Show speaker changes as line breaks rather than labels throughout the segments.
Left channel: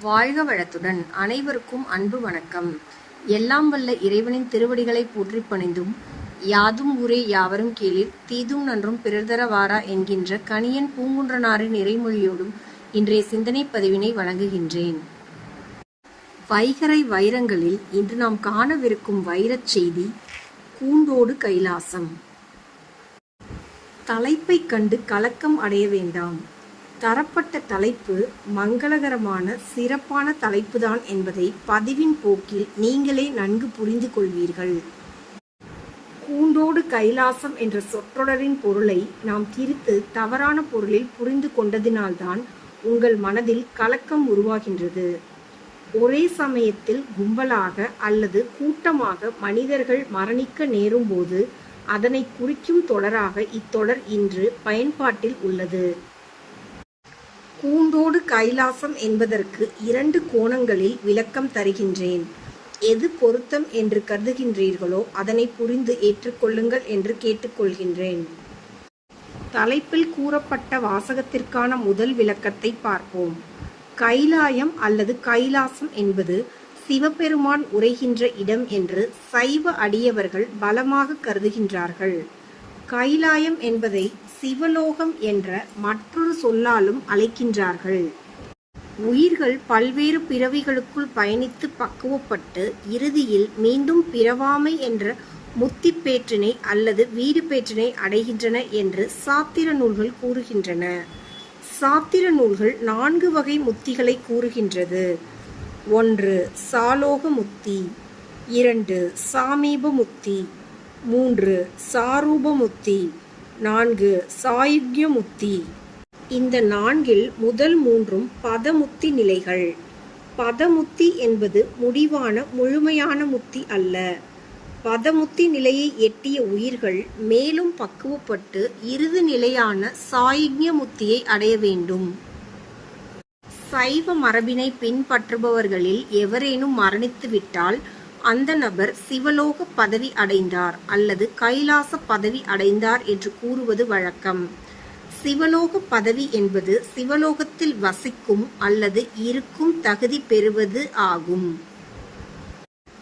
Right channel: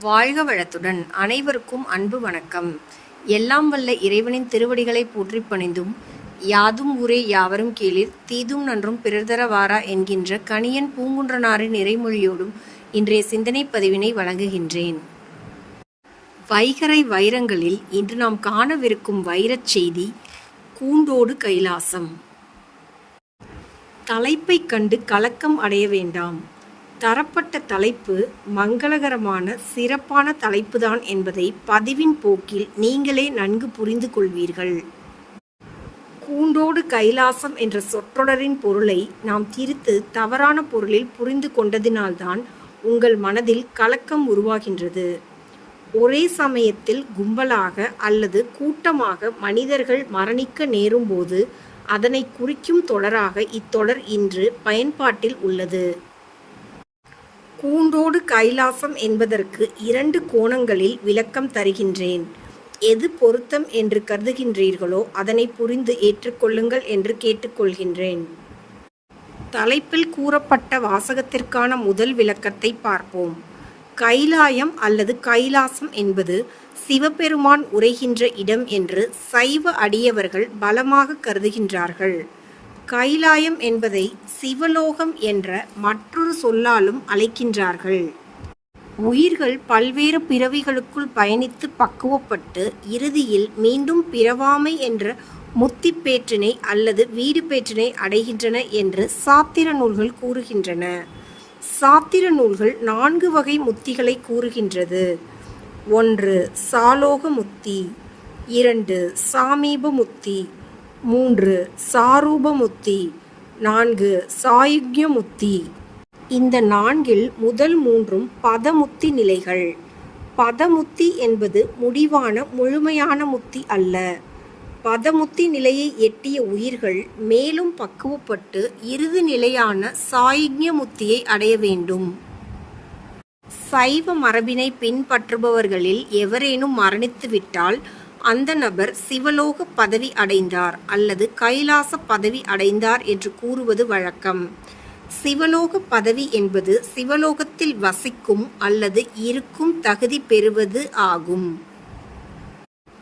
வாழ்க வளத்துடன். அனைவருக்கும் அன்பு வணக்கம். எல்லாம் வல்ல இறைவனின் திருவடிகளை போற்றி பணிந்தும் யாதும் ஊரே யாவரும் கீழில் தீதும் நன்றும் பிறர்தர வாரா என்கின்ற கணியன் பூங்குன்றனாரின் இறைமொழியோடும் இன்றைய சிந்தனை பதிவினை வழங்குகின்றேன். வைகரை வைரங்களில் இன்று நாம் காணவிருக்கும் வைரச் செய்தி கூண்டோடு கைலாசம். தலைப்பைக் கண்டு கலக்கம் அடைய வேண்டாம். தரப்பட்ட தலைப்பு மங்களகரமான சிறப்பான தலைப்புதான் என்பதை பதிவின் போக்கில் நீங்களே நன்கு புரிந்து கொள்வீர்கள். கூண்டோடு கைலாசம் என்ற சொற்றொடரின் பொருளை நாம் திரித்து தவறான பொருளில் புரிந்து கொண்டதினால்தான் உங்கள் மனதில் கலக்கம் உருவாகின்றது. ஒரே சமயத்தில் கும்பலாக அல்லது கூட்டமாக மனிதர்கள் மரணிக்க நேரும்போது அதனை குறிக்கும் தொடராக இத்தொடர் இன்று பயன்பாட்டில் உள்ளது. கூண்டோடு கைலாசம் என்பதற்கு இரண்டு கோணங்களில் விளக்கம் தருகின்றேன். எது பொருத்தம் என்று கருதுகின்றீர்களோ அதனை புரிந்து ஏற்றுக்கொள்ளுங்கள் என்று கேட்டுக்கொள்கின்றேன். தலைப்பில் கூறப்பட்ட வாசகத்திற்கான முதல் விளக்கத்தை பார்ப்போம். கைலாயம் அல்லது கைலாசம் என்பது சிவபெருமான் உரைகின்ற இடம் என்று சைவ அடியவர்கள் பலமாக கருதுகின்றார்கள். கைலாயம் என்பதை சிவலோகம் என்ற மற்றொரு சொல்லாலும் அழைக்கின்றார்கள். உயிர்கள் பல்வேறு பிறவிகளுக்குள் பயணித்து பக்குவப்பட்டு இறுதியில் மீண்டும் பிறவாமை என்ற முத்தி பேற்றினை அல்லது வீடு பேற்றினை அடைகின்றன என்று சாத்திர நூல்கள் கூறுகின்றன. சாத்திர நூல்கள் நான்கு வகை முத்திகளை கூறுகின்றது. ஒன்று சாலோக முத்தி. இரண்டு சாமீப முத்தி. மூன்று சாரூபமுத்தி. நான்கு சாயுக்யமுத்தி. இந்த நான்கில் முதல் மூன்றும் பதமுத்தி நிலைகள். பதமுத்தி என்பது முடிவான முழுமையான முத்தி அல்ல. பதமுத்தி நிலையை எட்டிய உயிர்கள் மேலும் பக்குவப்பட்டு இறுதி நிலையான சாயுக்ய முத்தியை அடைய வேண்டும். சைவ மரபினை பின்பற்றுபவர்களில் எவரேனும் மரணித்துவிட்டால் அந்த நபர் சிவலோக பதவி அடைந்தார் அல்லது கைலாச பதவி அடைந்தார் என்று கூறுவது வழக்கம். சிவலோக பதவி என்பது சிவலோகத்தில் வசிக்கும் அல்லது இருக்கும் தகுதி பெறுவது ஆகும்.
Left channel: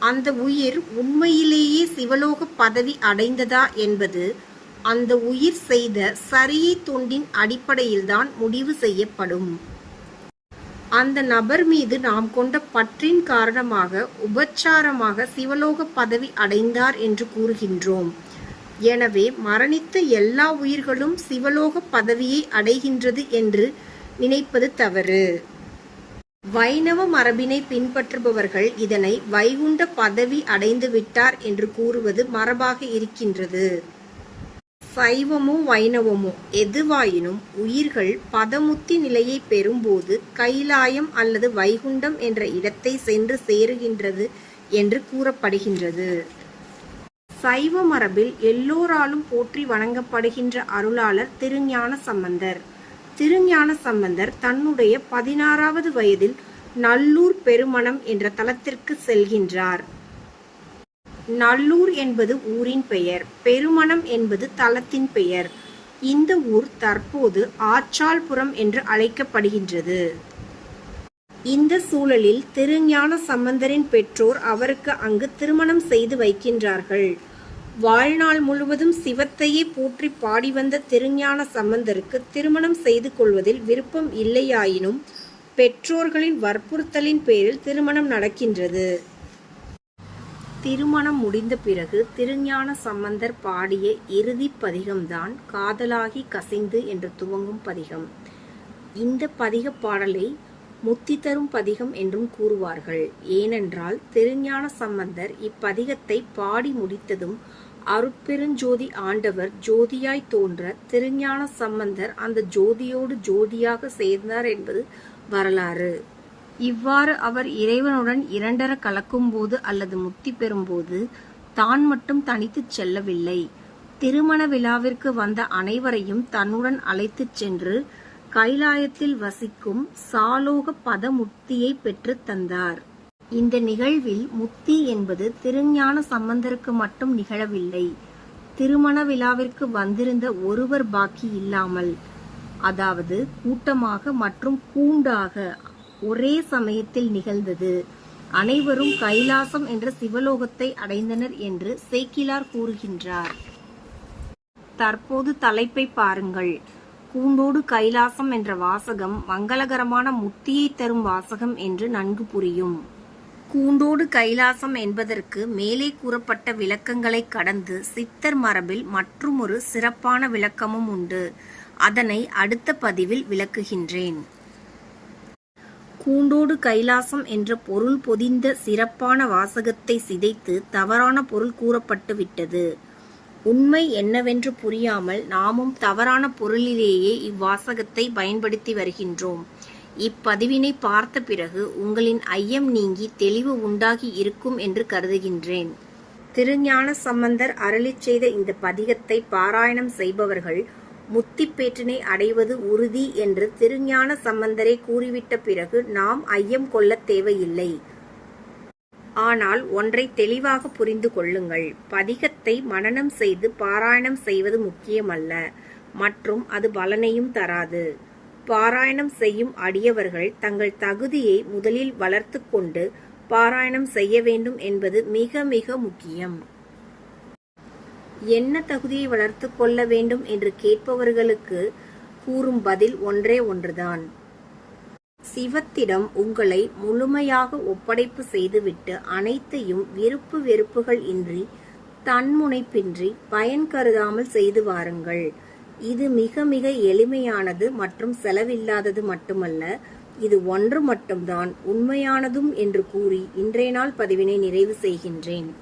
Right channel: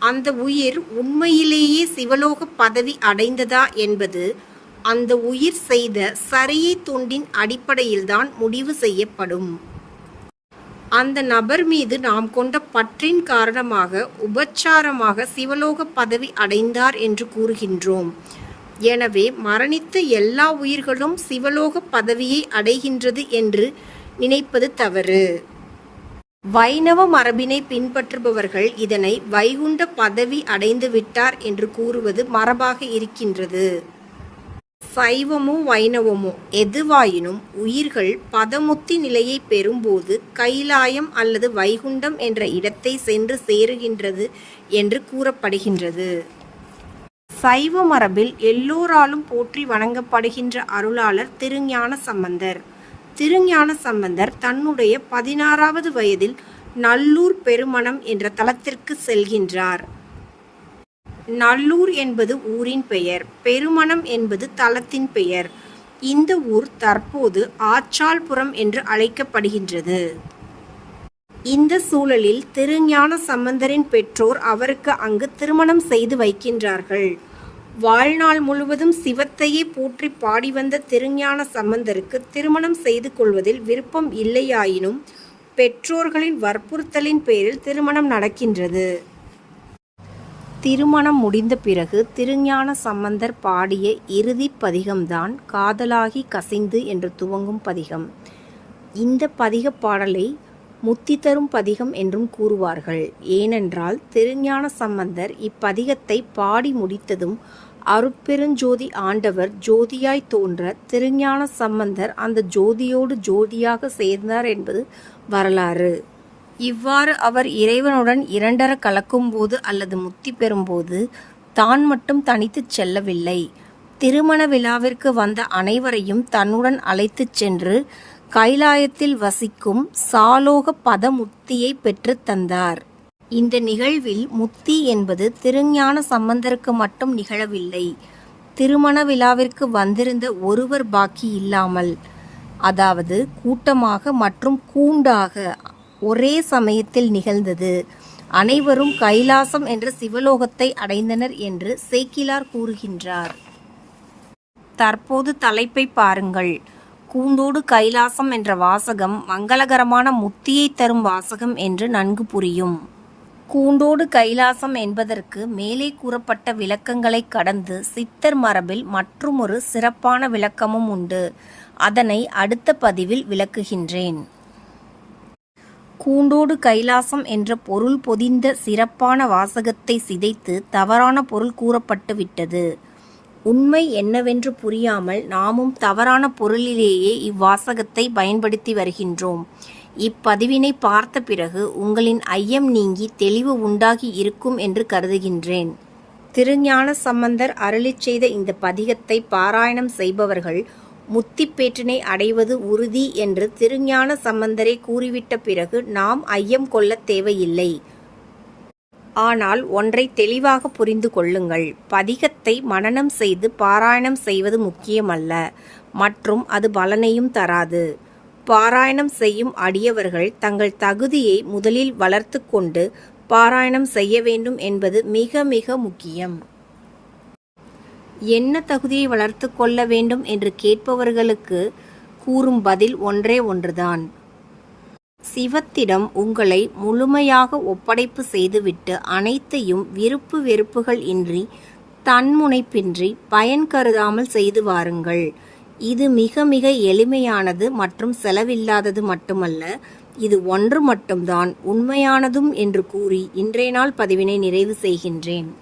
அந்த உயிர் உண்மையிலேயே சிவலோக பதவி அடைந்ததா என்பது அந்த உயிர் செய்த சரியை தொண்டின் அடிப்படையில்தான் முடிவு செய்யப்படும். அந்த நபர் மீது நாம் கொண்ட பற்றின் காரணமாக உபச்சாரமாக சிவலோக பதவி அடைந்தார் என்று கூறுகின்றோம். எனவே மரணித்த எல்லா உயிர்களும் சிவலோக பதவியை அடைகின்றது என்று நினைப்பது தவறு. வைணவ மரபினை பின்பற்றுபவர்கள் இதனை வைகுண்ட பதவி அடைந்து விட்டார் என்று கூறுவது மரபாக இருக்கின்றது. சைவமோ வைணவமோ எதுவாயினும் உயிர்கள் பதமுத்தி நிலையை பெறும்போது கைலாயம் அல்லது வைகுண்டம் என்ற இடத்தை சென்று சேருகின்றது என்று கூறப்படுகின்றது. சைவ மரபில் எல்லோராலும் போற்றி வணங்கப்படுகின்ற அருளாளர் திருஞான சம்பந்தர். திருஞான சம்பந்தர் தன்னுடைய பதினாறாவது வயதில் நல்லூர் பெருமணம் என்ற தலத்திற்கு செல்கின்றார். நல்லூர் என்பது ஊரின் பெயர் பெருமணம் என்பது தலத்தின் பெயர். இந்த ஊர் தற்போது ஆச்சாள்புரம் என்று அழைக்கப்படுகின்றது. இந்த சூழலில் திருஞான சம்பந்தரின் பெற்றோர் அவருக்கு அங்கு திருமணம் செய்து வைக்கின்றார்கள். வாழ்நாள் முழுவதும் சிவத்தையே போற்றி பாடி வந்த திருஞான சம்பந்தருக்கு திருமணம் செய்து கொள்வதில் விருப்பம் இல்லையாயினும் பெற்றோர்களின் வற்புறுத்தலின் பேரில் திருமணம் நடக்கின்றது. திருமணம் முடிந்த பிறகு திருஞான சம்பந்தர் பாடிய இறுதி பதிகம்தான் காதலாகி கசிந்து என்று துவங்கும் பதிகம். இந்த பதிக பாடலை முத்தி தரும் பதிகம் என்றும் கூறுவார்கள். ஏனென்றால் திருஞான சம்பந்தர் இப்பதிகத்தை பாடி முடித்ததும் அருட்பெருஞ்சோதி ஆண்டவர் ஜோதியாய் தோன்ற திருஞான சம்பந்தர் அந்த ஜோதியோடு ஜோதியாக சேர்ந்தார் என்பது வரலாறு. இவ்வாறு அவர் இறைவனுடன் இரண்டர கலக்கும்போது அல்லது முத்தி பெறும்போது தான் மட்டும் தனித்துச் செல்லவில்லை. திருமண விழாவிற்கு வந்த அனைவரையும் தன்னுடன் அழைத்துச் சென்று கைலாயத்தில் வசிக்கும் சாலோக பத முத்தியை பெற்றுத் தந்தார். இந்த நிகழ்வில் முத்தி என்பது திருஞான சம்பந்தருக்கு மட்டும் நிகழவில்லை. திருமண விழாவிற்கு வந்திருந்த ஒருவர் பாக்கி இல்லாமல் அதாவது கூட்டமாக மற்றும் கூண்டாக ஒரே சமயத்தில் நிகழ்ந்தது. அனைவரும் கைலாசம் என்ற சிவலோகத்தை அடைந்தனர் என்று சேக்கிலார் கூறுகின்றார். தற்போது தலைப்பை பாருங்கள். கூந்தோடு கைலாசம் என்ற வாசகம் மங்களகரமான முத்தியை தரும் வாசகம் என்று நன்கு புரியும். கூண்டோடு கைலாசம் என்பதற்கு மேலே கூறப்பட்ட விளக்கங்களை கடந்து சித்தர் மரபில் மற்றுமொரு சிறப்பான விளக்கமும் உண்டு. அதனை அடுத்த பதிவில் விளக்குகின்றேன். கூண்டோடு கைலாசம் என்ற பொருள் பொதிந்த சிறப்பான வாசகத்தை சிதைத்து தவறான பொருள் கூறப்பட்டு விட்டது. உண்மை என்னவென்று புரியாமல் நாமும் தவறான பொருளிலேயே இவ்வாசகத்தை பயன்படுத்தி வருகின்றோம். இப்பதிவினை பார்த்த பிறகு உங்களின் ஐயம் நீங்கி தெளிவு உண்டாகி இருக்கும் என்று கருதுகின்றேன். திருஞான சம்பந்தர் அருளிச் செய்த இந்த பதிகத்தை பாராயணம் செய்பவர்கள் முத்திப்பேற்றினை அடைவது உறுதி என்று திருஞான சம்பந்தரை கூறிவிட்ட பிறகு நாம் ஐயம் கொள்ளத் தேவையில்லை. ஆனால் ஒன்றை தெளிவாக புரிந்து கொள்ளுங்கள். பதிகத்தை மனனம் செய்து பாராயணம் செய்வது முக்கியமல்ல. மற்றும் அது பலனையும் தராது. பாராயணம் செய்யும் அடியவர்கள் தங்கள் தகுதியை முதலில் வளர்த்து கொண்டு பாராயணம் செய்ய வேண்டும் என்பது மிக மிக முக்கியம். என்ன தகுதியை வளர்த்து கொள்ள வேண்டும் என்று கேட்பவர்களுக்கு கூறும் பதில் ஒன்றே ஒன்றுதான். சிவத்திடம் உங்களை முழுமையாக ஒப்படைப்பு செய்துவிட்டு அனைத்தையும் விருப்பு வெறுப்புகள் இன்றி தன்முனைப்பின்றி பயன் கருதாமல் செய்து வாருங்கள். இது மிக மிக எளிமையானது மற்றும் செலவில்லாதது மட்டுமல்ல இது ஒன்று மட்டும்தான் உண்மையானதும் என்று கூறி இன்றைய நாள் பதிவினை நிறைவு செய்கின்றேன்.